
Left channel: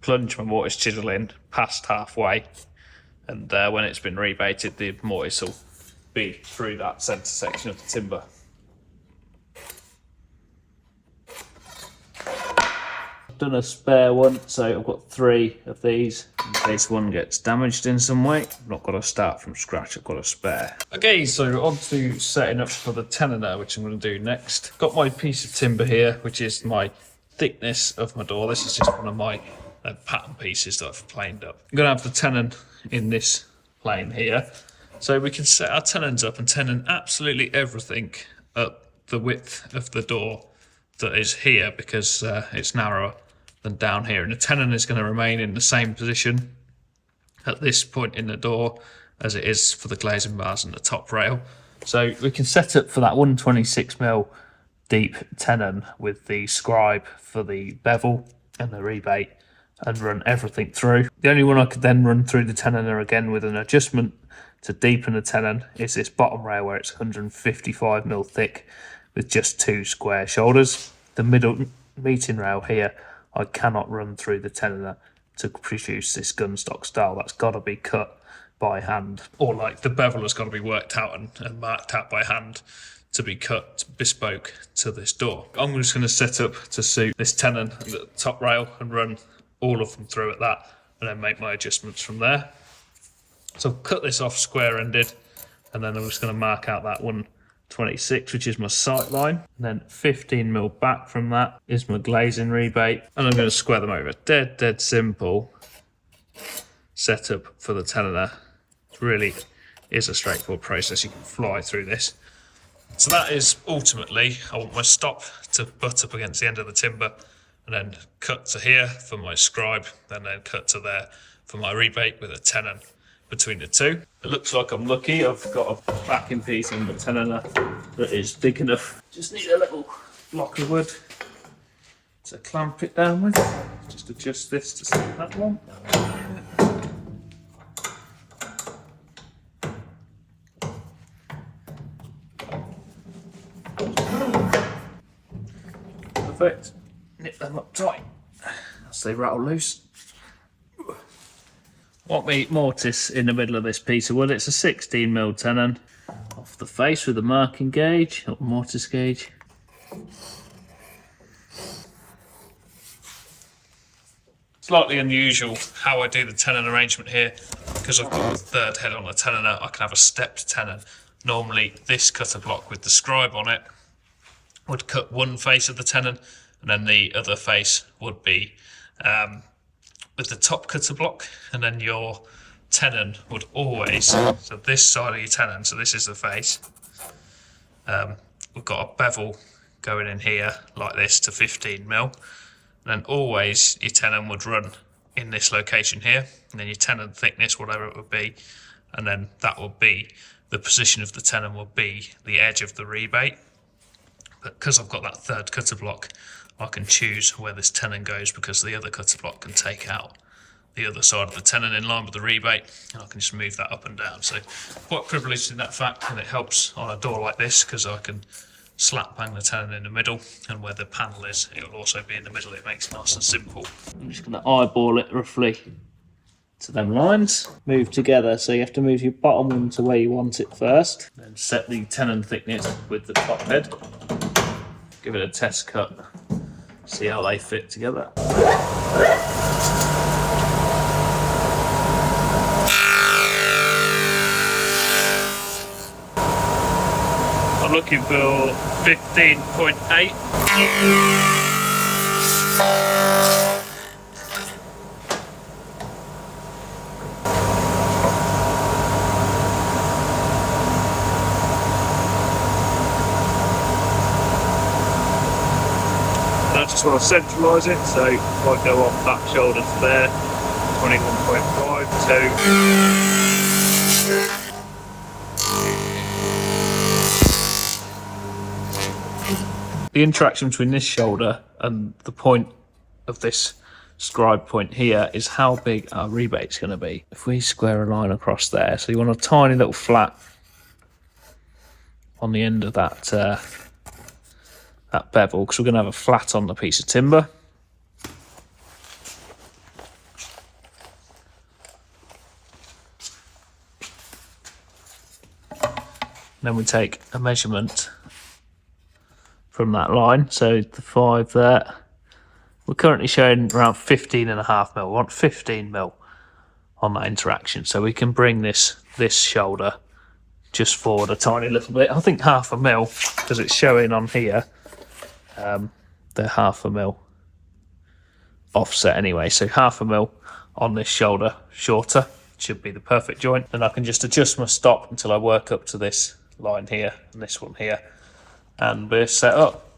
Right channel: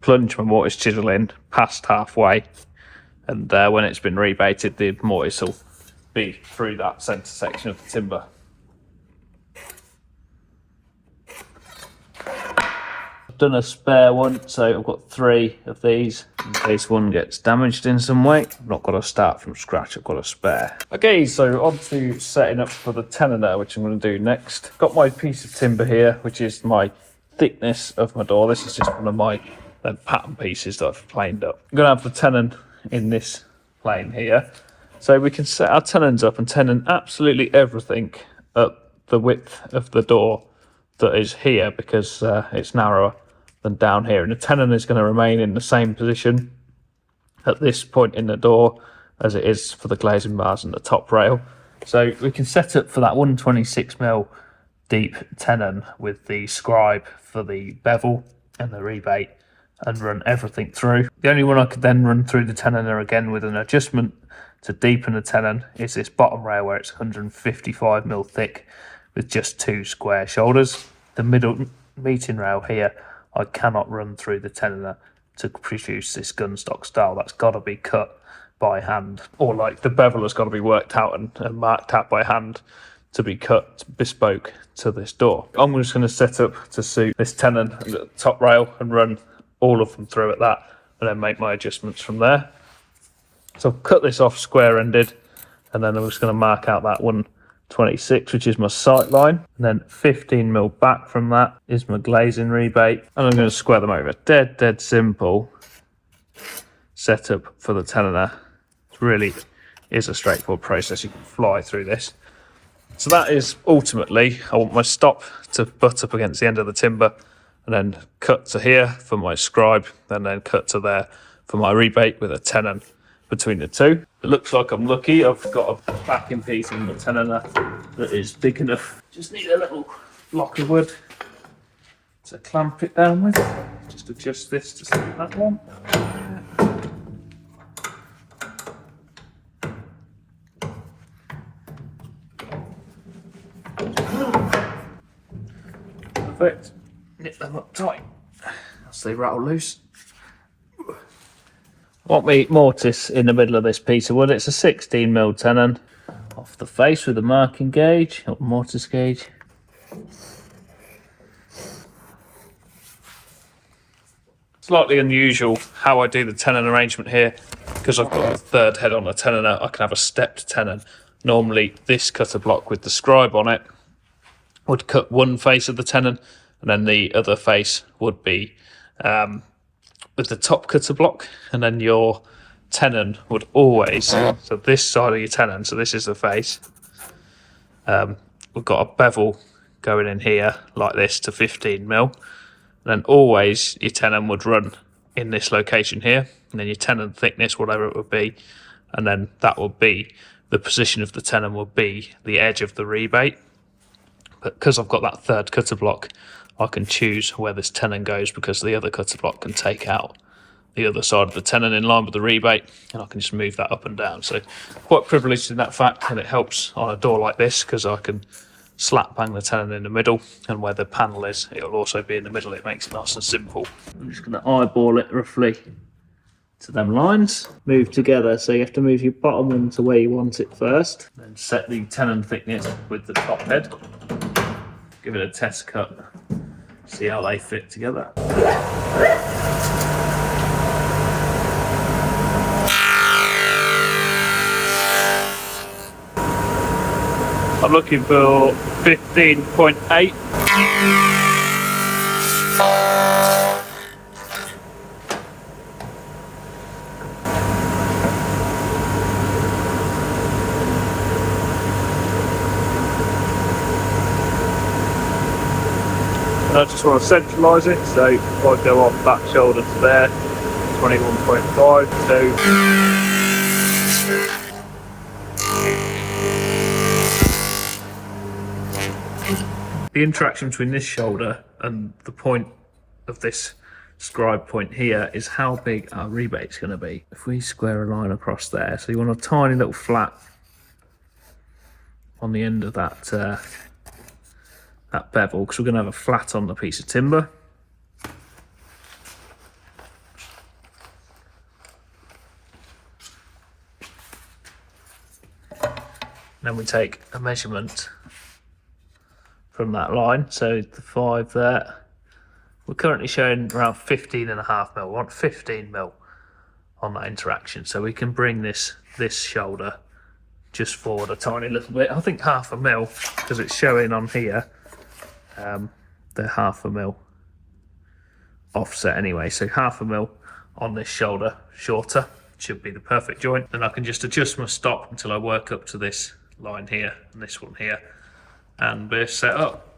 plunge my mortise chisel in past halfway, and when it's been rebaited, the mortise will be through that centre section of the timber. I've done a spare one, so I've got 3 of these in case one gets damaged in some way. I've not got to start from scratch, I've got a spare. Okay, so on to setting up for the tenon, which I'm going to do next. Got my piece of timber here, which is my thickness of my door. This is just one of my pattern pieces that I've planed up. I'm going to have the tenon in this plane here, so we can set our tenons up and tenon absolutely everything at the width of the door that is here, because it's narrower than down here, and the tenon is going to remain in the same position at this point in the door as it is for the glazing bars and the top rail. So we can set up for that 126mm deep tenon with the scribe for the bevel and the rebate, and run everything through. The only one I could then run through the tenon again with an adjustment to deepen the tenon is this bottom rail, where it's 155mm thick with just 2 square shoulders. The middle meeting rail here, I cannot run through the tenon to produce this gunstock style. That's got to be cut by hand, or like the bevel has got to be worked out and marked out by hand to be cut bespoke to this door. I'm just going to set up to suit this tenon and the top rail and run all of them through at that, and then make my adjustments from there. So I've cut this off square ended, and then I'm just going to mark out that 126, which is my sight line, and then 15mm back from that is my glazing rebate, and I'm going to square them over. Dead simple setup for the tenon. It really is a straightforward process. You can fly through this. So that is ultimately, I want my stop to butt up against the end of the timber, and then cut to here for my scribe, and then cut to there for my rebate with a tenon. between the two. It looks like I'm lucky. I've got a backing piece in the Tenoner that is big enough. Just need a little block of wood to clamp it down with. Just adjust this to sit that one. Perfect. Nip them up tight as they rattle loose. Want me mortise in the middle of this piece of wood. It's a 16mm tenon off the face with a marking gauge, or mortise gauge. Slightly unusual how I do the tenon arrangement here, because I've got a third head on the tenoner. I can have a stepped tenon. Normally this cutter block with the scribe on it would cut one face of the tenon, and then the other face would be with the top cutter block, and then your tenon would always, so this side of your tenon, so this is the face, we've got a bevel going in here like this to 15mm, and then always your tenon would run in this location here, and then your tenon thickness, whatever it would be, and then that would be the position of the tenon, would be the edge of the rebate. But because I've got that third cutter block, I can choose where this tenon goes, because the other cutter block can take out the other side of the tenon in line with the rebate, and I can just move that up and down. So quite privileged in that fact, and it helps on a door like this because I can slap bang the tenon in the middle, and where the panel is, it'll also be in the middle. It makes it nice and simple. I'm just going to eyeball it roughly to them lines. Move together, so you have to move your bottom one to where you want it first. Then set the tenon thickness with the top head. Give it a test cut. See how they fit together. I'm looking for 15.8. I just want to centralise it, so if I go off that shoulder to there, 21.5 to... The interaction between this shoulder and the point of this scribe point here is how big our rebate's going to be. If we square a line across there, so you want a tiny little flat on the end of that that bevel, because we're going to have a flat on the piece of timber. Then we take a measurement from that line, so the 5 there. We're currently showing around 15.5mm. We want 15mm on that interaction, so we can bring this shoulder just forward a tiny little bit. I think 0.5mm, because it's showing on here the 0.5mm offset anyway, so 0.5mm on this shoulder shorter should be the perfect joint. Then I can just adjust my stop until I work up to this line here and this one here, and we're set up.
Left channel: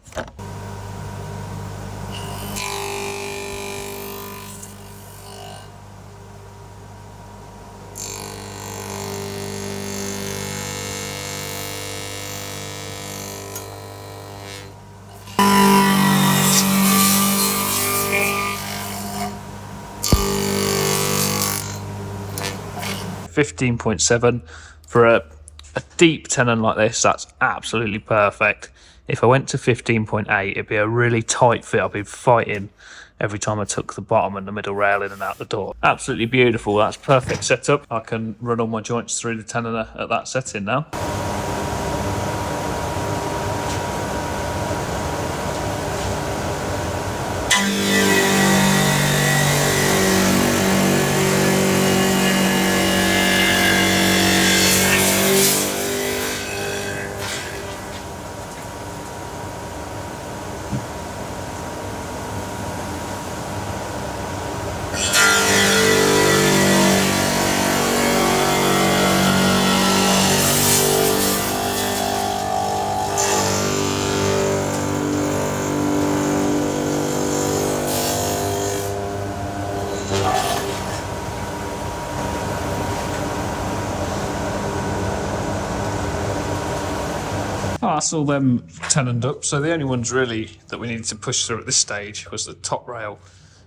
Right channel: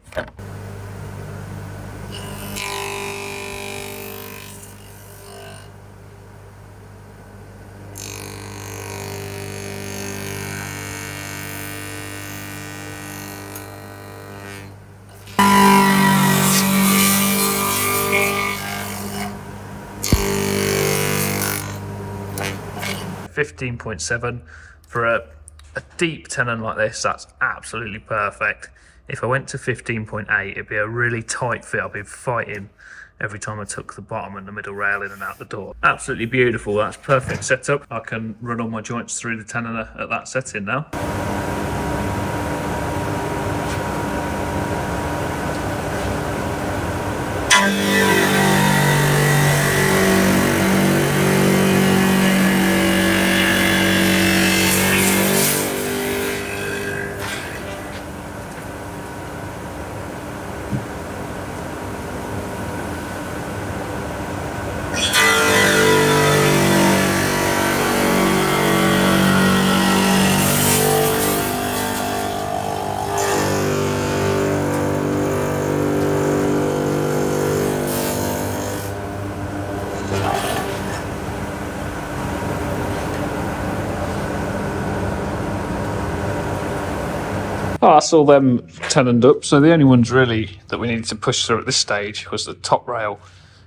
15.7 for a deep tenon like this. That's absolutely perfect. If I went to 15.8, it'd be a really tight fit. I'd be fighting every time I took the bottom and the middle rail in and out the door. Absolutely beautiful. That's perfect setup. I can run all my joints through the tenoner at that setting now. Oh, that's all them tenoned up. So the only ones really that we needed to push through at this stage was the top rail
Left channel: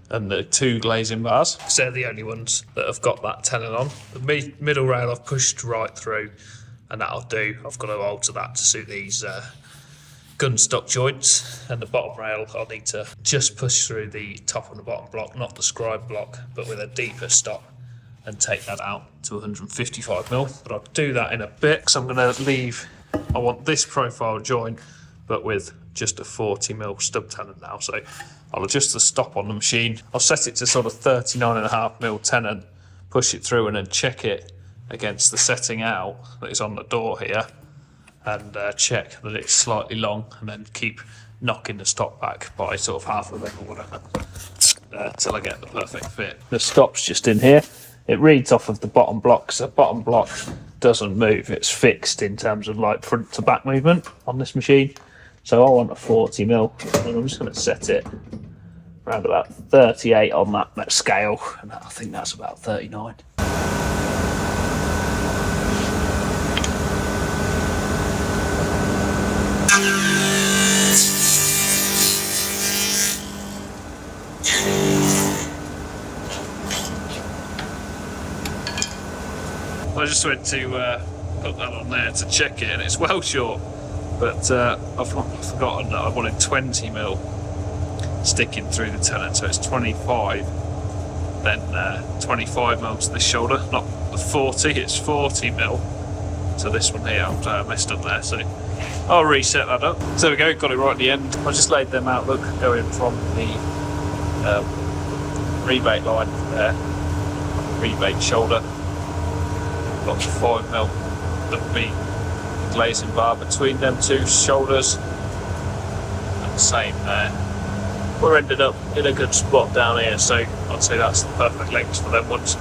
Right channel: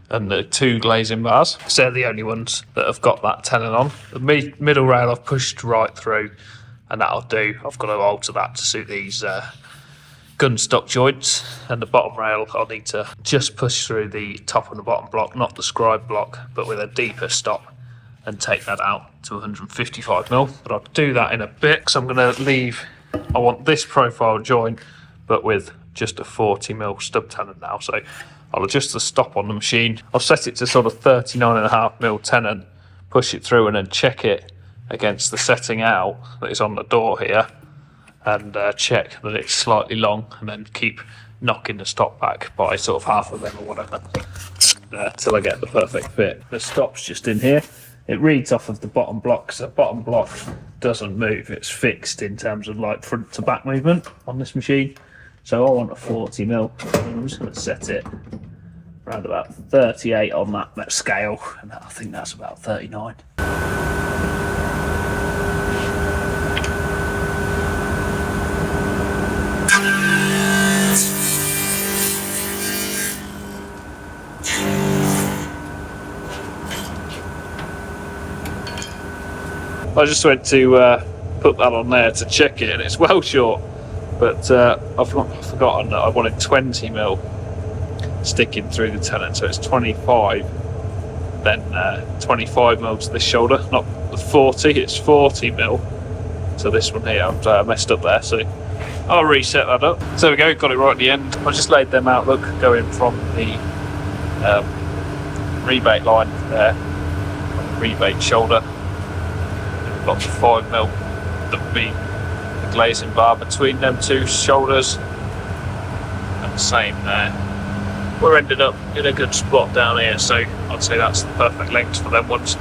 and the 2 glazing bars. So they're the only ones that have got that tenon on. The middle rail I've pushed right through, and that'll do. I've got to alter that to suit these gun stock joints, and the bottom rail I'll need to just push through the top and the bottom block, not the scribe block, but with a deeper stop, and take that out to 155mm. But I'll do that in a bit, because I'm going to leave, I want this profile joint, but with just a 40mm stub tenon now. So I'll adjust the stop on the machine. I'll set it to sort of 39.5mm tenon, push it through, and then check it against the setting out that is on the door here, and check that it's slightly long, and then keep knocking the stop back by sort of half of them or whatever, till I get the perfect fit. The stop's just in here. It reads off of the bottom block, so the bottom block doesn't move. It's fixed in terms of like front to back movement on this machine. So I want a 40mm, and I'm just going to set it around about 38 on that scale, and I think that's about 39. I just went to put that on there to check it, and it's well short, but I've forgotten that I wanted 20mm sticking through the tenon, so it's 25, then 25mm to this shoulder, not the 40, it's 40mm to this one here. I've messed up there, so I'll reset that up. So there we go, got it right at the end. I just laid them out, look, going from the rebate line there, on the rebate shoulder. Got the 5mm that would be the glazing bar between them 2 shoulders, and the same there. We're ended up in a good spot down here, so I'd say that's the perfect length for them ones.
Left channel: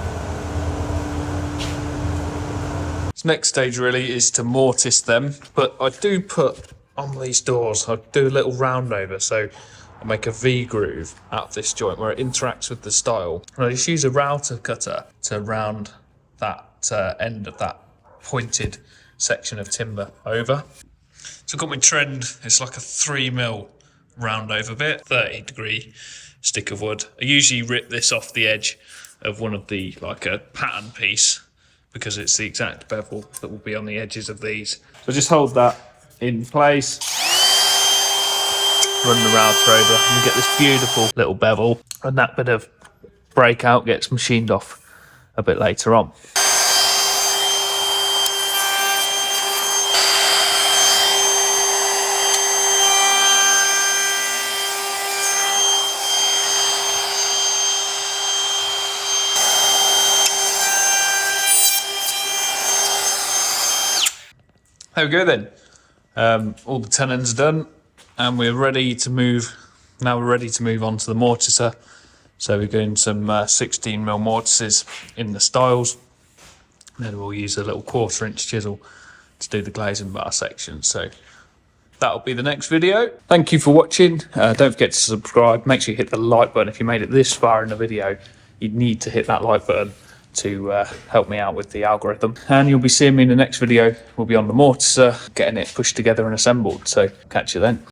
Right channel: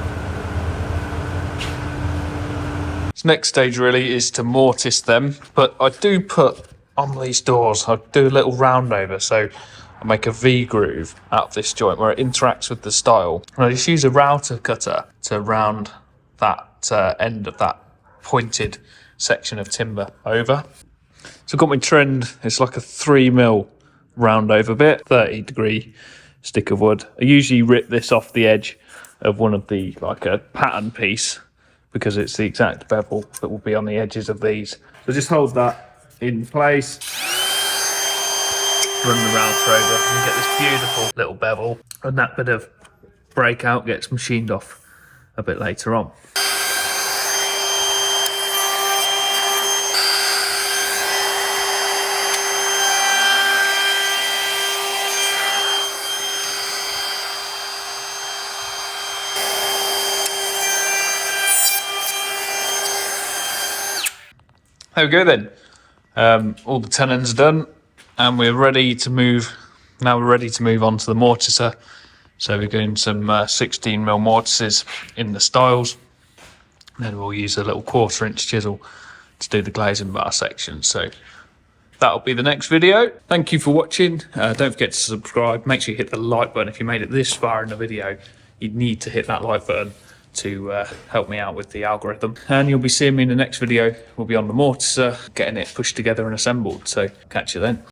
This next stage really is to mortise them, but I do put on these doors, I do a little round over, so I make a V groove out of this joint where it interacts with the stile, and I just use a router cutter to round that end of that pointed section of timber over. So I've got my trend, it's like a 3mm round over bit, 30-degree stick of wood. I usually rip this off the edge of one of the, like a pattern piece, because it's the exact bevel that will be on the edges of these. So just hold that in place, run the router over, and get this beautiful little bevel, and that bit of breakout gets machined off a bit later on. There we go then. All the tenons are done, and we're ready to move. Now we're ready to move on to the mortiser. So we're doing some 16mm mortises in the stiles. Then we'll use a little 1/4-inch chisel to do the glazing bar section. So that'll be the next video. Thank you for watching. Don't forget to subscribe. Make sure you hit the like button. If you made it this far in the video, you need to hit that like button to help me out with the algorithm. And you'll be seeing me in the next video. We'll be on the mortiser, getting it pushed together and assembled. So catch you then.